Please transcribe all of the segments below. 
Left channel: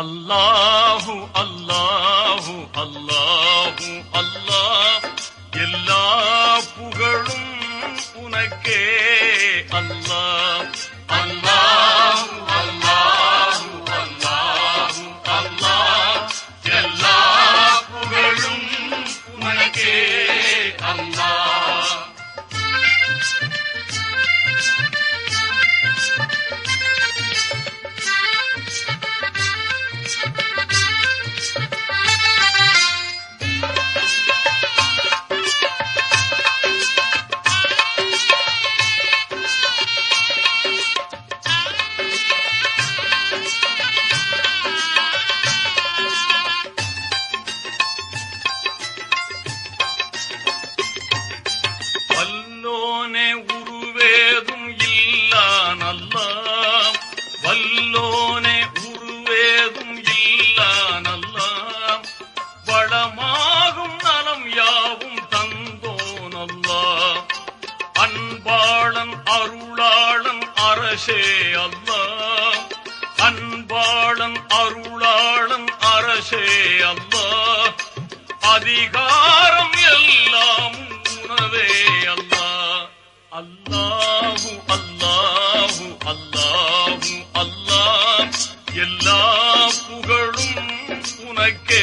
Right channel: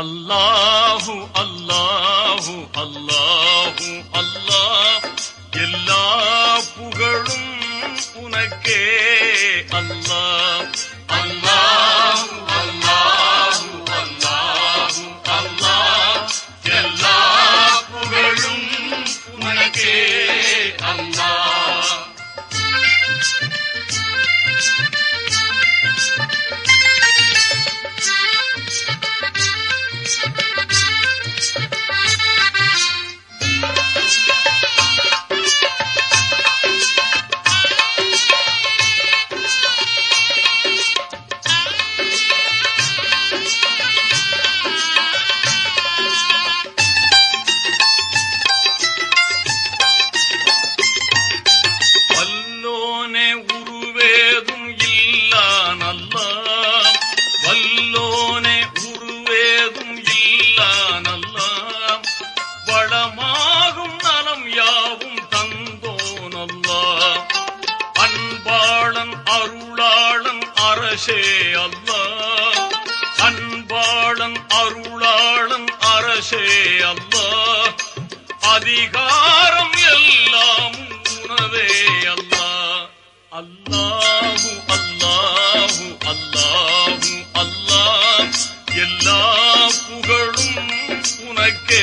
அல்லாஹு அல்லாஹு அல்லாஹு அல்லாஹ், எல்லா புகழும் உனக்கே அல்லாஹ். அல்லாஹு அல்லாஹு அல்லாஹு அல்லாஹ், எல்லா புகழும் உனக்கே அல்லாஹ். வல்லோனே உருவேதும் இல்லான் அல்லாஹ், வல்லோனே உருவேதும் இல்லான் அல்லாஹ், வளமாகும் நலம் யாவும் தந்தோன் அல்லாஹ், அன்பாளன் அருளாளன் அரசே அல்லாஹ், அன்பாளன் அருளாளன் அரசே அல்லாஹ், அதிகாரம் எல்லாம் உனதே அல்லாஹ். அல்லாஹு அல்லாஹு அல்லாஹு அல்லாஹ், எல்லா புகழும் உனக்கே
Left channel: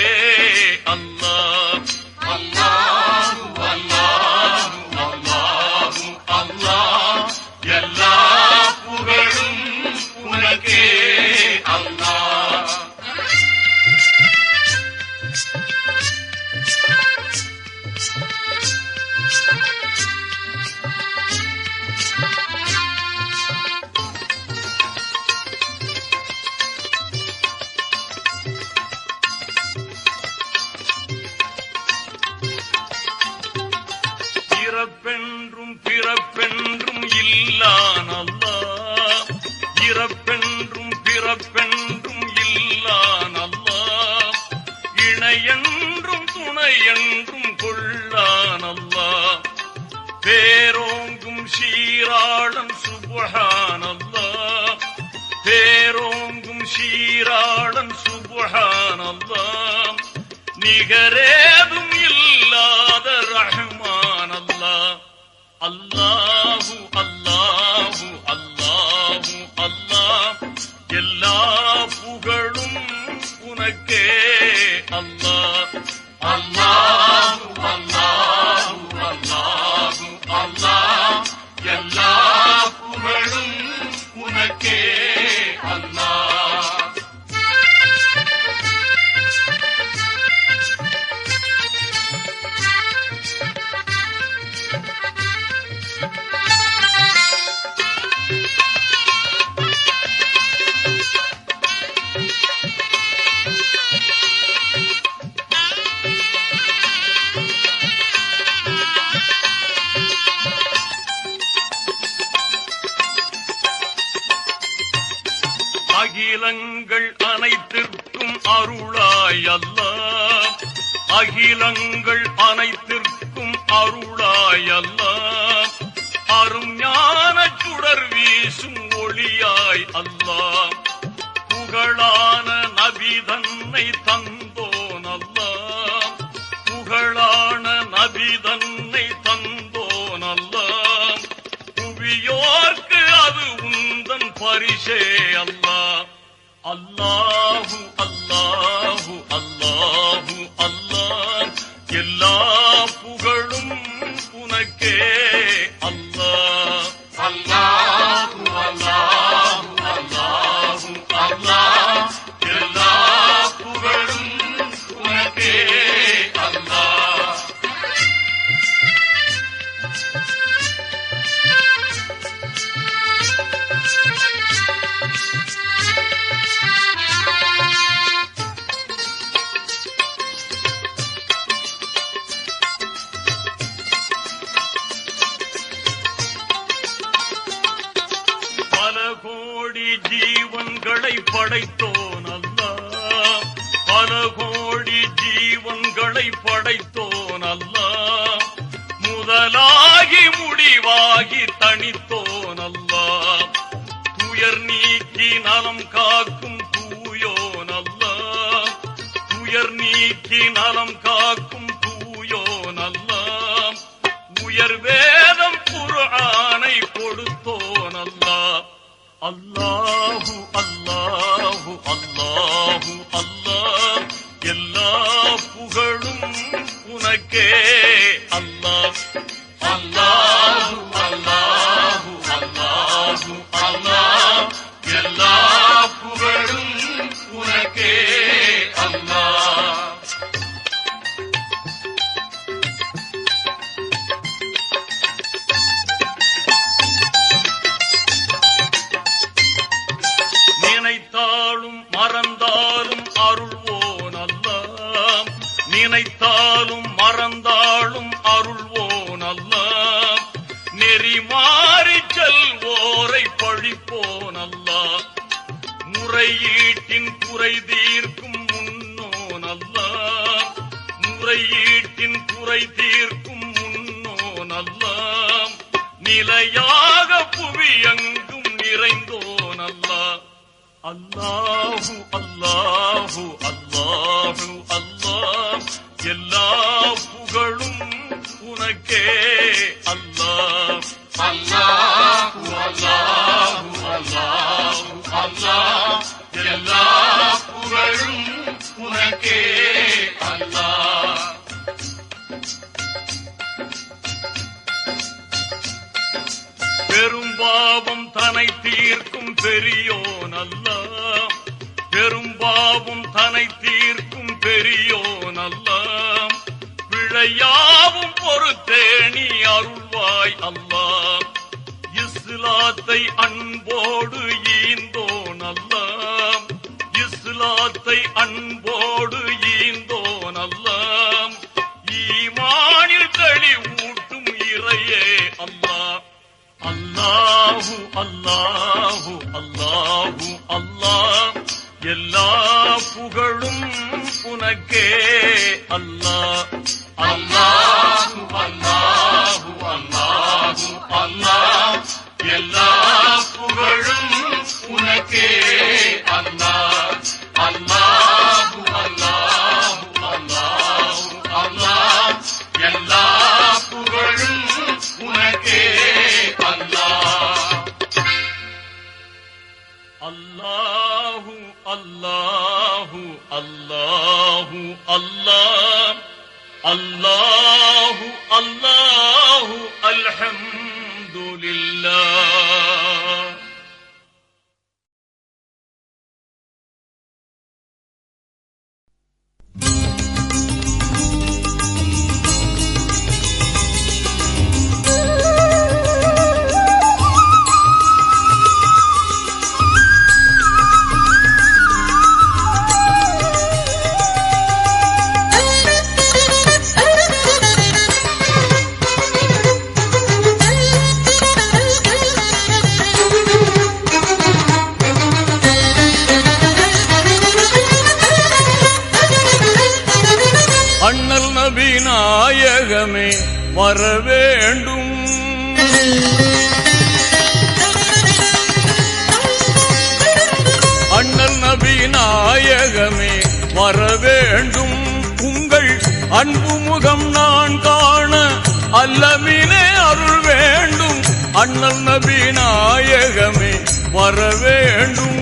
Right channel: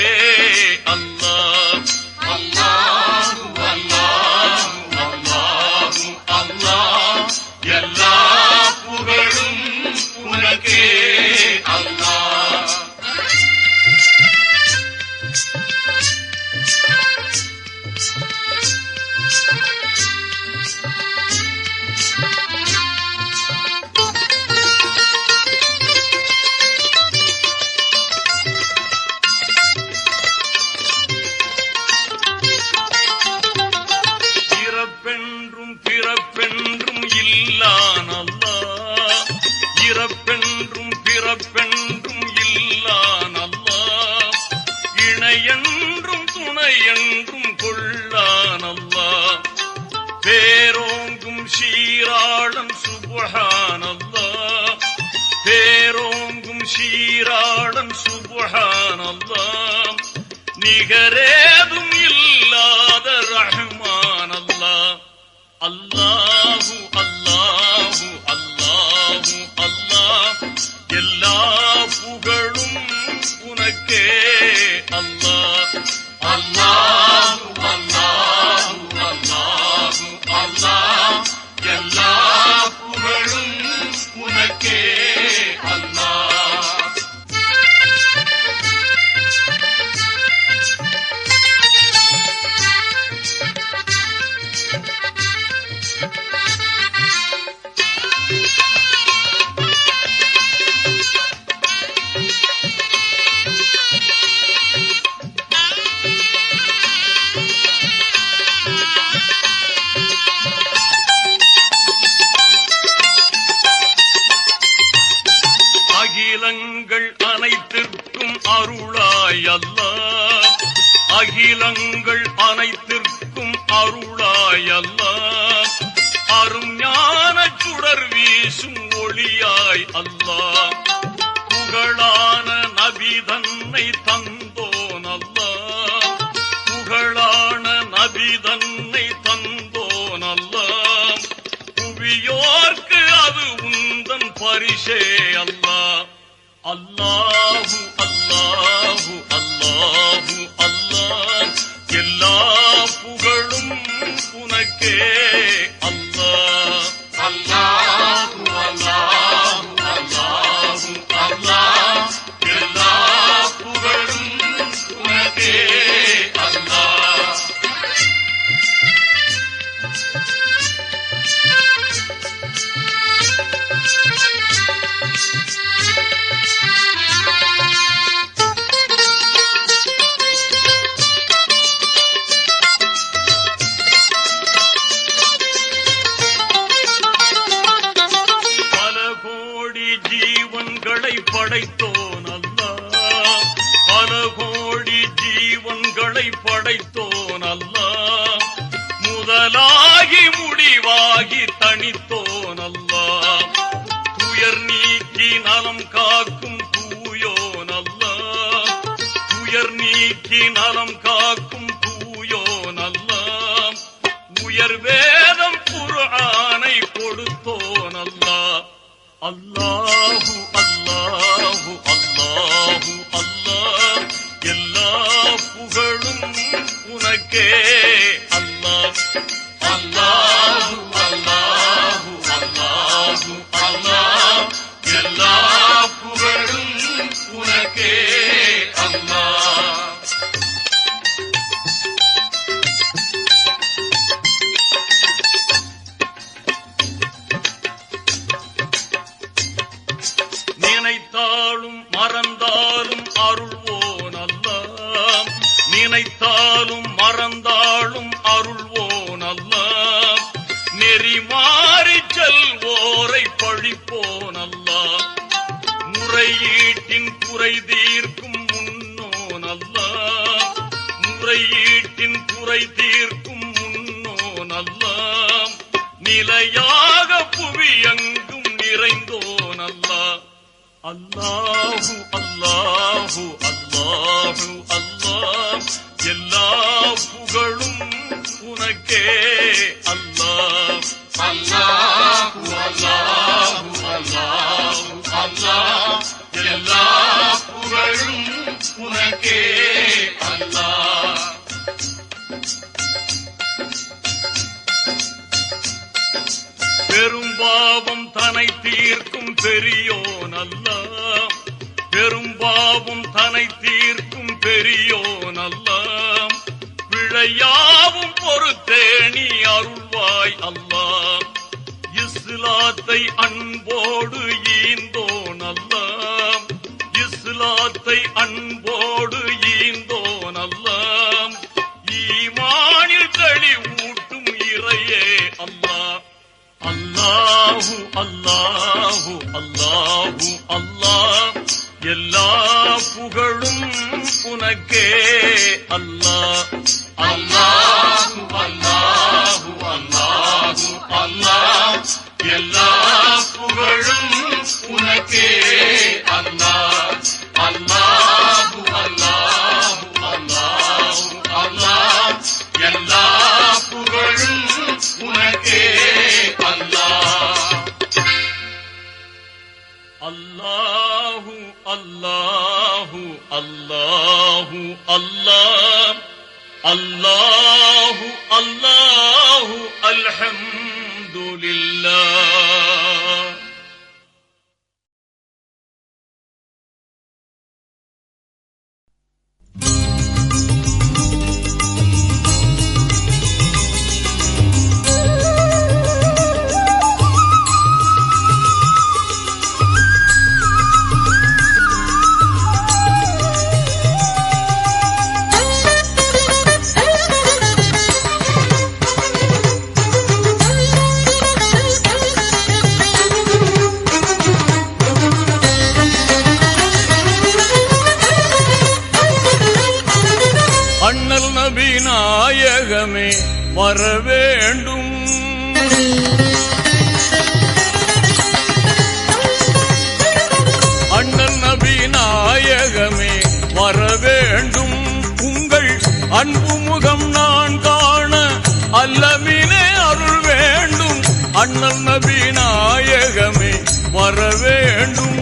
அல்லாஹ். அல்லாஹு அல்லாஹு அல்லாஹு அல்லாஹ், எல்லா புகழும் உனக்கே அல்லாஹ். இறப்பென்றும் பிறப்பென்றும் இல்லான் அல்லாஹ், இறப்பென்றும் பிறப்பென்றும் இல்லான் அல்லாஹ், இணையென்றும் துணையென்றும் கொள்ளான் அல்லாஹ், பேரோங்கும் சீராளன் சுப்ஹான் அல்லாஹ், பேரோங்கும் சீராளன் சுப்ஹான் அல்லாஹ், நிகரேதும் இல்லாத ரஹ்மான் அல்லாஹ். அல்லாஹு அல்லாஹு அல்லாஹு அல்லாஹ், எல்லா புகழும் உனக்கே அல்லாஹ். அல்லாஹு அல்லாஹு அல்லாஹு அல்லாஹ், எல்லா புகழும் உனக்கே அல்லாஹ். அகிலங்கள் அனைத்திற்கும் அருளாய் அல்லாஹ், அகிலங்கள் அனைத்திற்கும் அருளாய் அல்லாஹ், அரும் ஞான சுடர் வீசும் ஒளியாய் அல்லாஹ், புகழான நபி தன்னை தந்தோன் அல்லாஹ், புகழான நபி தன்னை தந்தோன் அல்லாஹ், புவியோர்க்கு அது உந்தன் பரிசே அல்லாஹ். அல்லாஹு அல்லாஹு அல்லாஹு அல்லாஹ், எல்லா புகழும் உனக்கே அல்லாஹ். அல்லாஹு அல்லாஹு அல்லாஹு அல்லாஹ், எல்லா புகழும் உனக்கே அல்லாஹ். ஜீவன்களை படைத்தோன் அல்லாஹ், பல கோடி ஜீவன்களை படைத்தோன் அல்லாஹ், முதலாகி முடிவாகி தனித்தோன் அல்லாஹ், துயர் நீக்கி நலம் காக்கும் தூயோன் அல்லாஹ், துயர் நீக்கி நலம் காக்கும் தூயோன் அல்லாஹ், உயர் வேதம் குர்ஆனை கொடுத்தோன் அல்லாஹ். அல்லாஹு அல்லாஹு அல்லாஹு அல்லாஹ், எல்லா புகழும் உனக்கே அல்லாஹ். அல்லாஹு அல்லாஹு அல்லாஹு அல்லாஹ், எல்லா புகழும் உனக்கே அல்லாஹ். நினைத்தாலும் மறந்தாலும் அருள்வோன் அல்லாஹ், நினைத்தாலும் மறந்தாலும் அருள்வோன் அல்லாஹ், நெறி மாறி செல்வோரை பழிப்போன் அல்லாஹ், முறையீட்டின் குறை தீர்க்கும் முன்னோன் அல்லாஹ், முறையீட்டின் குறை தீர்க்கும் முன்னோன் அல்லாஹ், நிலையாக புவியெங்கும் நிறைந்தோன் அல்லாஹ். அல்லாஹு அல்லாஹு அல்லாஹு அல்லாஹ், எல்லா புகழும் உனக்கே அல்லாஹ். அல்லாஹு அல்லாஹு அல்லாஹு அல்லாஹ், எல்லா புகழும் உனக்கே அல்லாஹ். பெரும்பாவம் தனை தீர்க்கும் பெரியோன் அல்லாஹ், பெரும்பாவம் தனை தீர்க்கும் பெரியோன் அல்லாஹ், பிழையாவும் பொறுத்தேணி அருள்வாய் அல்லாஹ், இஸ்லாத்தை அன்போடு ஈந்தோன் அல்லாஹ், இஸ்லாத்தை அன்போடு ஈந்தோன் அல்லாஹ், ஈமானில் தெளிவூட்டும் இறையே அல்லாஹ். அல்லாஹு அல்லாஹு அல்லாஹு அல்லாஹ், எல்லா புகழும் உனக்கே அல்லாஹ். அல்லாஹு அல்லாஹு அல்லாஹு அல்லாஹ், எல்லா புகழும் உனக்கே அல்லாஹ். அல்லாஹு அல்லாஹு அல்லாஹு அல்லாஹ், எல்லா புகழும் உனக்கே அல்லாஹ். அல்லாஹு அல்லாஹு அல்லாஹு அல்லாஹ், அல்லாஹு அல்லாஹு அல்ஹம்துலில்லாஹ். அண்ணல் நபி நாயகமே வர வேண்டும், அண்ணல் நபி நாயகமே வர வேண்டும், உங்கள் அன்பு முகம் நான் காண அல்லமினே அருள் வேண்டும், அண்ணல் நபி நாயகமே வர வேண்டும்.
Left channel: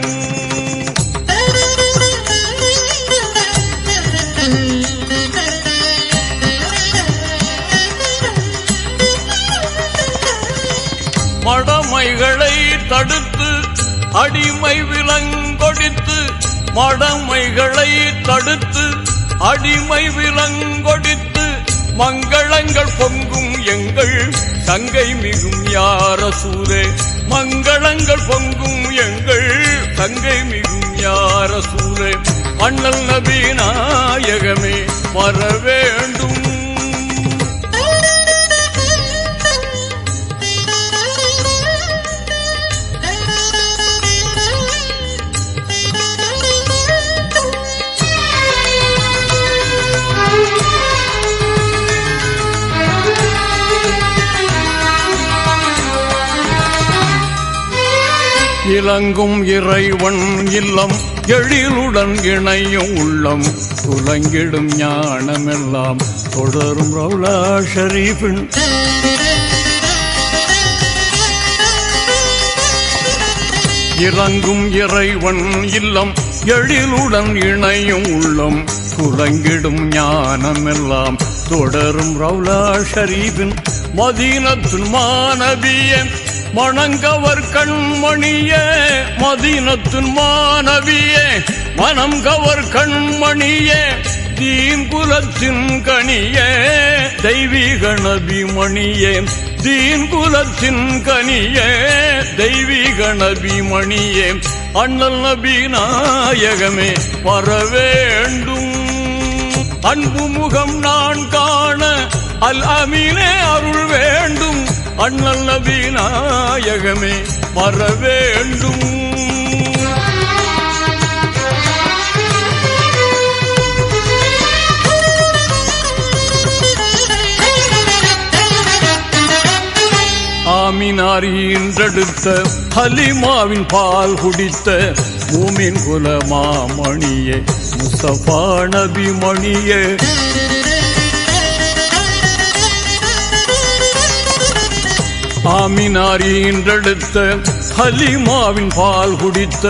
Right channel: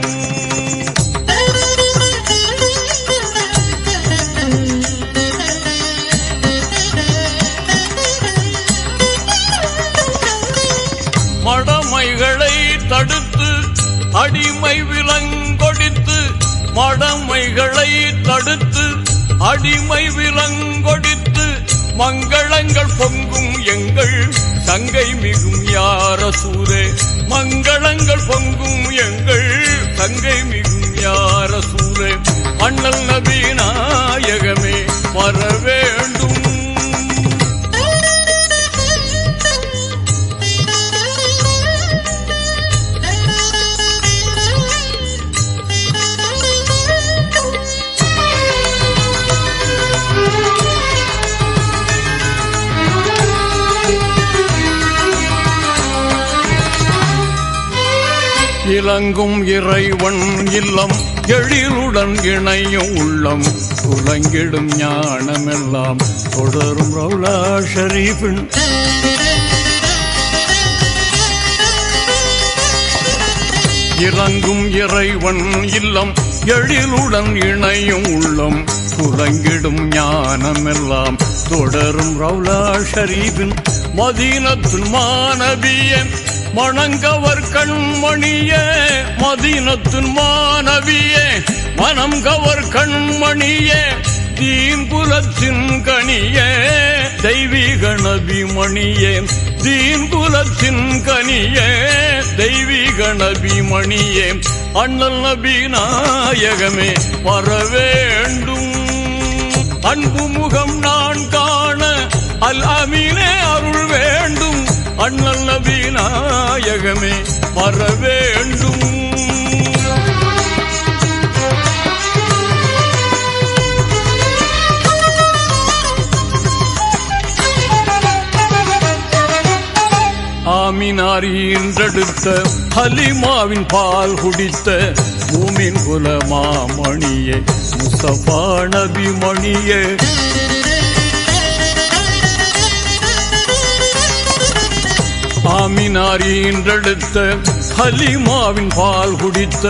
மடமைகளை தடுத்து அடிமை விலங்கொடித்து, மடமைகளை தடுத்து அடிமை விலங்கொடித்து, மங்களங்கள் பொங்கும் எங்கள் தங்கை மிகும் யா ரசூலே, மங்களங்கள் பொங்கும் எங்கள் தங்கை மிகும் யா ரசூலே, அண்ணல் நபி நாயகமே வர வேண்டும். இலங்கும் இறைவன் இல்லம் எழிலுடன் இணையும் உள்ளம் துலங்கிடும் ஞானமெல்லாம் தொடரும் ரவுலா ஷரீஃபின் இறங்கும் இறைவன் இல்லம் எழிலுடன் இணையும் உள்ளம் துலங்கிடும் ஞானமெல்லாம் தொடரும் ரவுலா ஷரீஃபின் மதீனத்துன் மாநபியே மணங்கவர் கண்மணியே மதீனத்துன் மாநபியே மனம் கவர் கண்மணியே தீன் குலத்தின் கனியே தெய்வீக நபிமணியே தீன் குலத்தின் கனியே தெய்வீக நபிமணியே அண்ணல் நபி நாயகமே வரவேண்டும் அன்பு முகம் நான் காண அல் அமீனே அருள் வேண்டும் அண்ணல் நபி நாயகமே வரவேண்டும் ஆமினார் ஈன்றெடுத்த ஹலிமாவின் பால் குடித்த மூமின் குல மாமணியே முஸ்தபா நபி மணியே ஆமினார் ஈன்றெடுத்த ஹலிமாவின் பால் குடித்த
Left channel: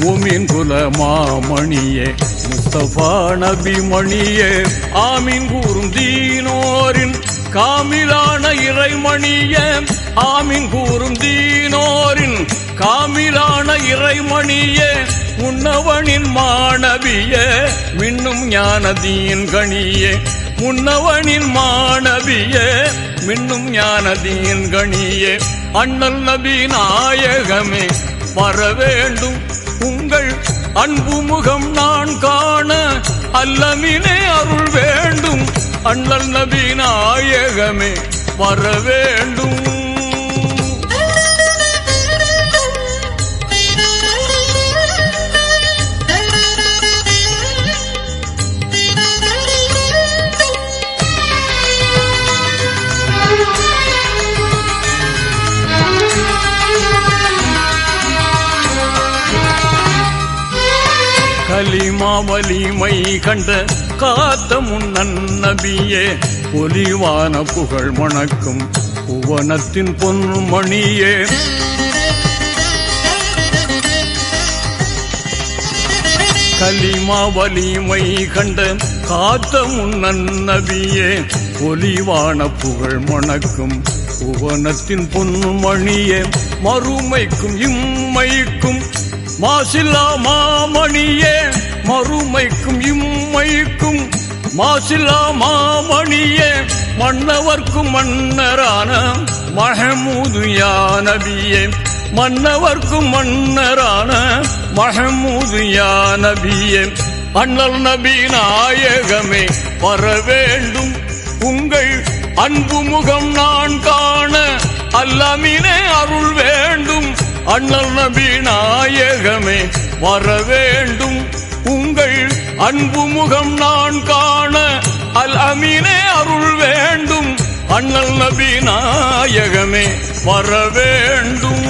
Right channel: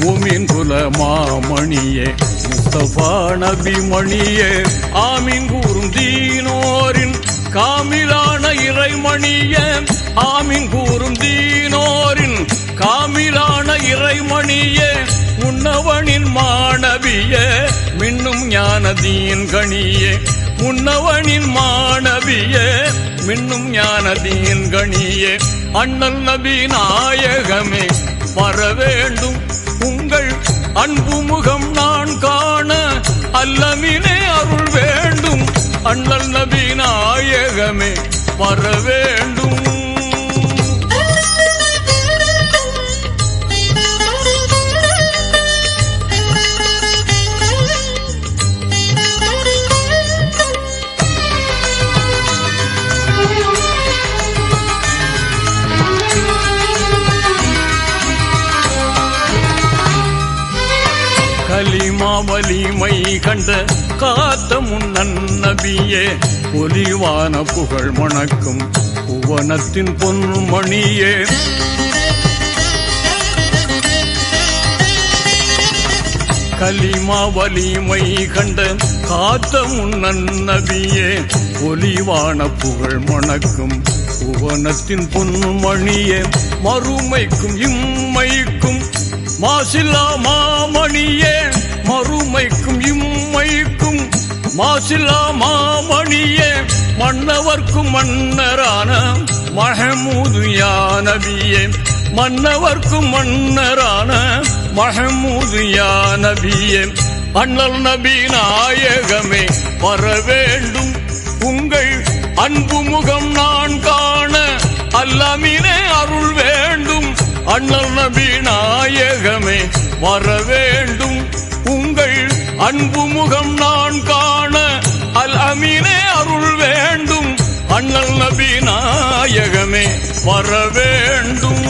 மூமின் குல மாமணியே முஸ்தபா நபி மணியே ஆமீன் கூறும் தீனோரின் காமிலான இறைமணியே ஆமீன் கூறும் தீனோரின் காமிலான இறைமணியே முன்னவனின் மாணவியே மின்னும் ஞானதீன் கணியே முன்னவனின் மாணவியே மின்னும் ஞானதீன் கணியே அண்ணல் நபி நாயகமே வரவேண்டும் உங்கள் அன்பு முகம் நான் காண அல்லமினே அருள் வேண்டும் அண்ணல் நபி நாயகமே வரவேண்டும் கலிமா வலிமை கண்ட காத்த முன்னன் நபியே ஒலிவான புகழ் மணக்கும் புவனத்தின் பொன்மணியே கலிமா வலிமை கண்ட காத்த முன்னன் நபியே ஒலிவான புகழ் மணக்கும் புவனத்தின் பொன்மணியே மறுமைக்கும் இம்மைக்கும் மாசில்லா மாமணியே மறுமைக்கும் இம்மைக்கும் மாசில்லா மாமணியே மன்னவர்க்கும் மன்னரான மஹமூது யா நபியே மன்னவர்க்கும் மன்னரான மஹமூது யா நபியே அண்ணல் நபி நாயகமே வரவேண்டும் உங்கள் அன்பு முகம் நான் காண அல்லமினே அருள் வேண்டும் அண்ணல் நபி நாயகமே வரவேண்டும் உங்கள் அன்பு முகம் நான் காண அல் அமீனே அருள் வேண்டும் அண்ணல் நபி நாயகமே வரவேண்டும்